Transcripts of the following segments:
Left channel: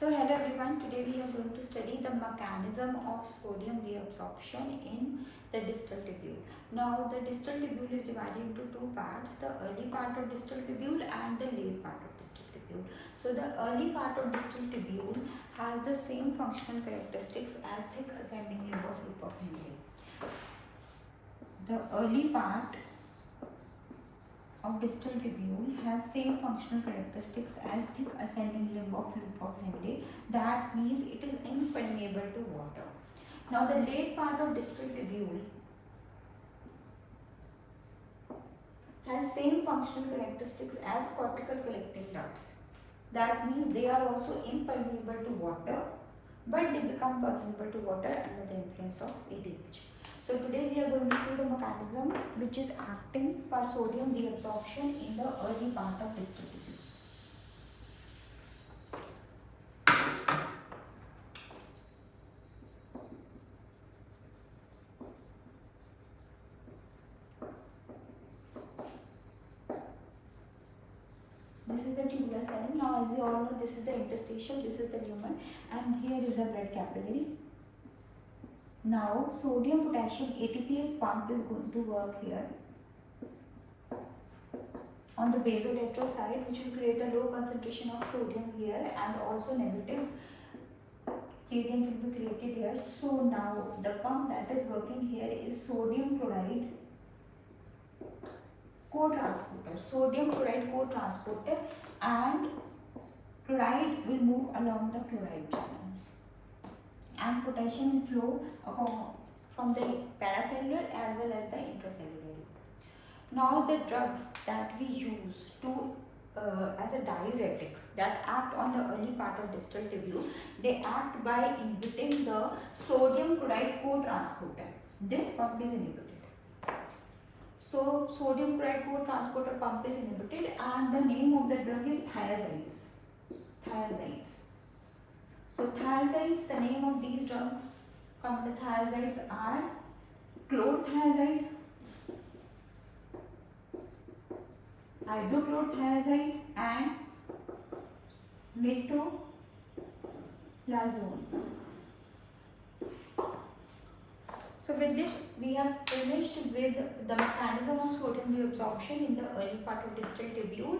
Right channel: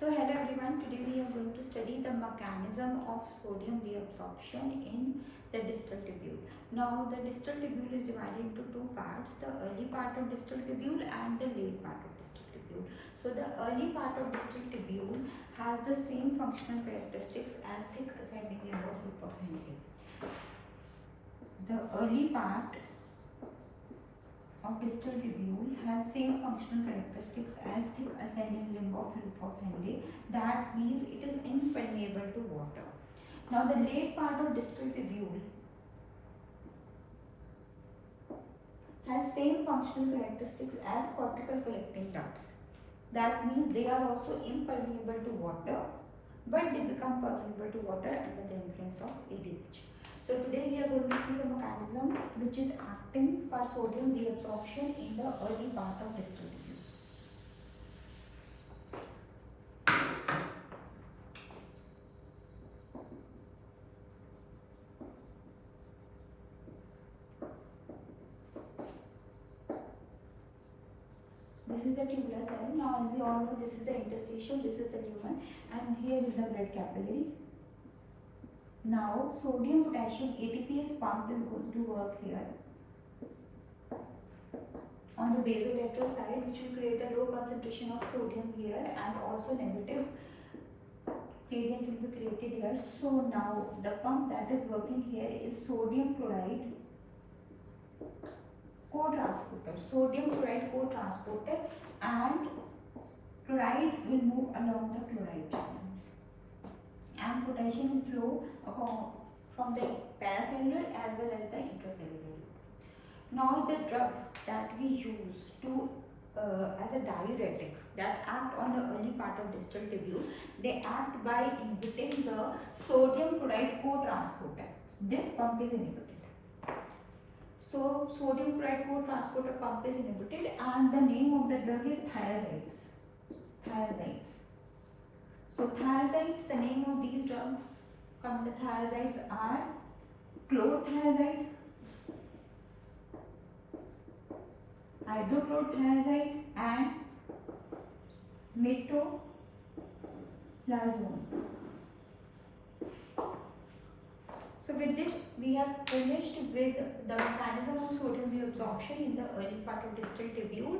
So hello everyone, today we are going to study the mechanism of sodium reabsorption in the distal tubule. Now the distal tubule is divided into two parts, the early part of distal tubule and the late part of distal tubule. So the early part of distal tubule has the same functional characteristics as thick ascending limb of loop of Henle. The early part of distal tubule has same functional characteristics as thick ascending limb of loop of Henle. That means it is impermeable to water. Now the late part of distal tubule has same functional characteristics as cortical collecting ducts. That means they are also impermeable to water, but they become permeable to water under the influence of ADH. So today we are going to see the mechanism which is acting for sodium reabsorption in the early part of distal tubule. This is the tubular cell. Now as we all know, this is the interstitial, this is the lumen, and here is the blood capillary. Now sodium potassium ATPase pump is going to work here on the basolateral side, which will create a low concentration of sodium here, and also negative gradient will be created here. So now the pump that is working here is sodium chloride co-transporter. Sodium chloride co-transporter, and chloride will move along the chloride channels, and potassium will flow from the paracellular as well as the intracellular. Now the drugs that we use to as a diuretic that act on the early part of distal tubule, they act by inhibiting the sodium chloride co-transporter. This pump is inhibited. So sodium chloride co-transporter pump is inhibited, and the name of the drug is thiazides. So thiazides, the name of these drugs come to thiazides are chlorothiazide, hydrochlorothiazide, and metolazone. So with this we have finished with the mechanism of sodium reabsorption in the early part of distal tubule.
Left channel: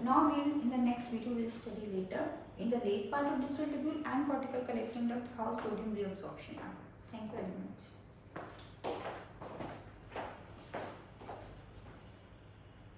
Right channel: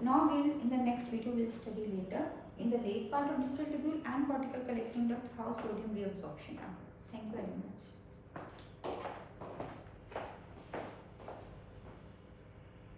Now in the next video we will study later in the late part of distal tubule and cortical collecting ducts how sodium reabsorption happens. Thank you very much.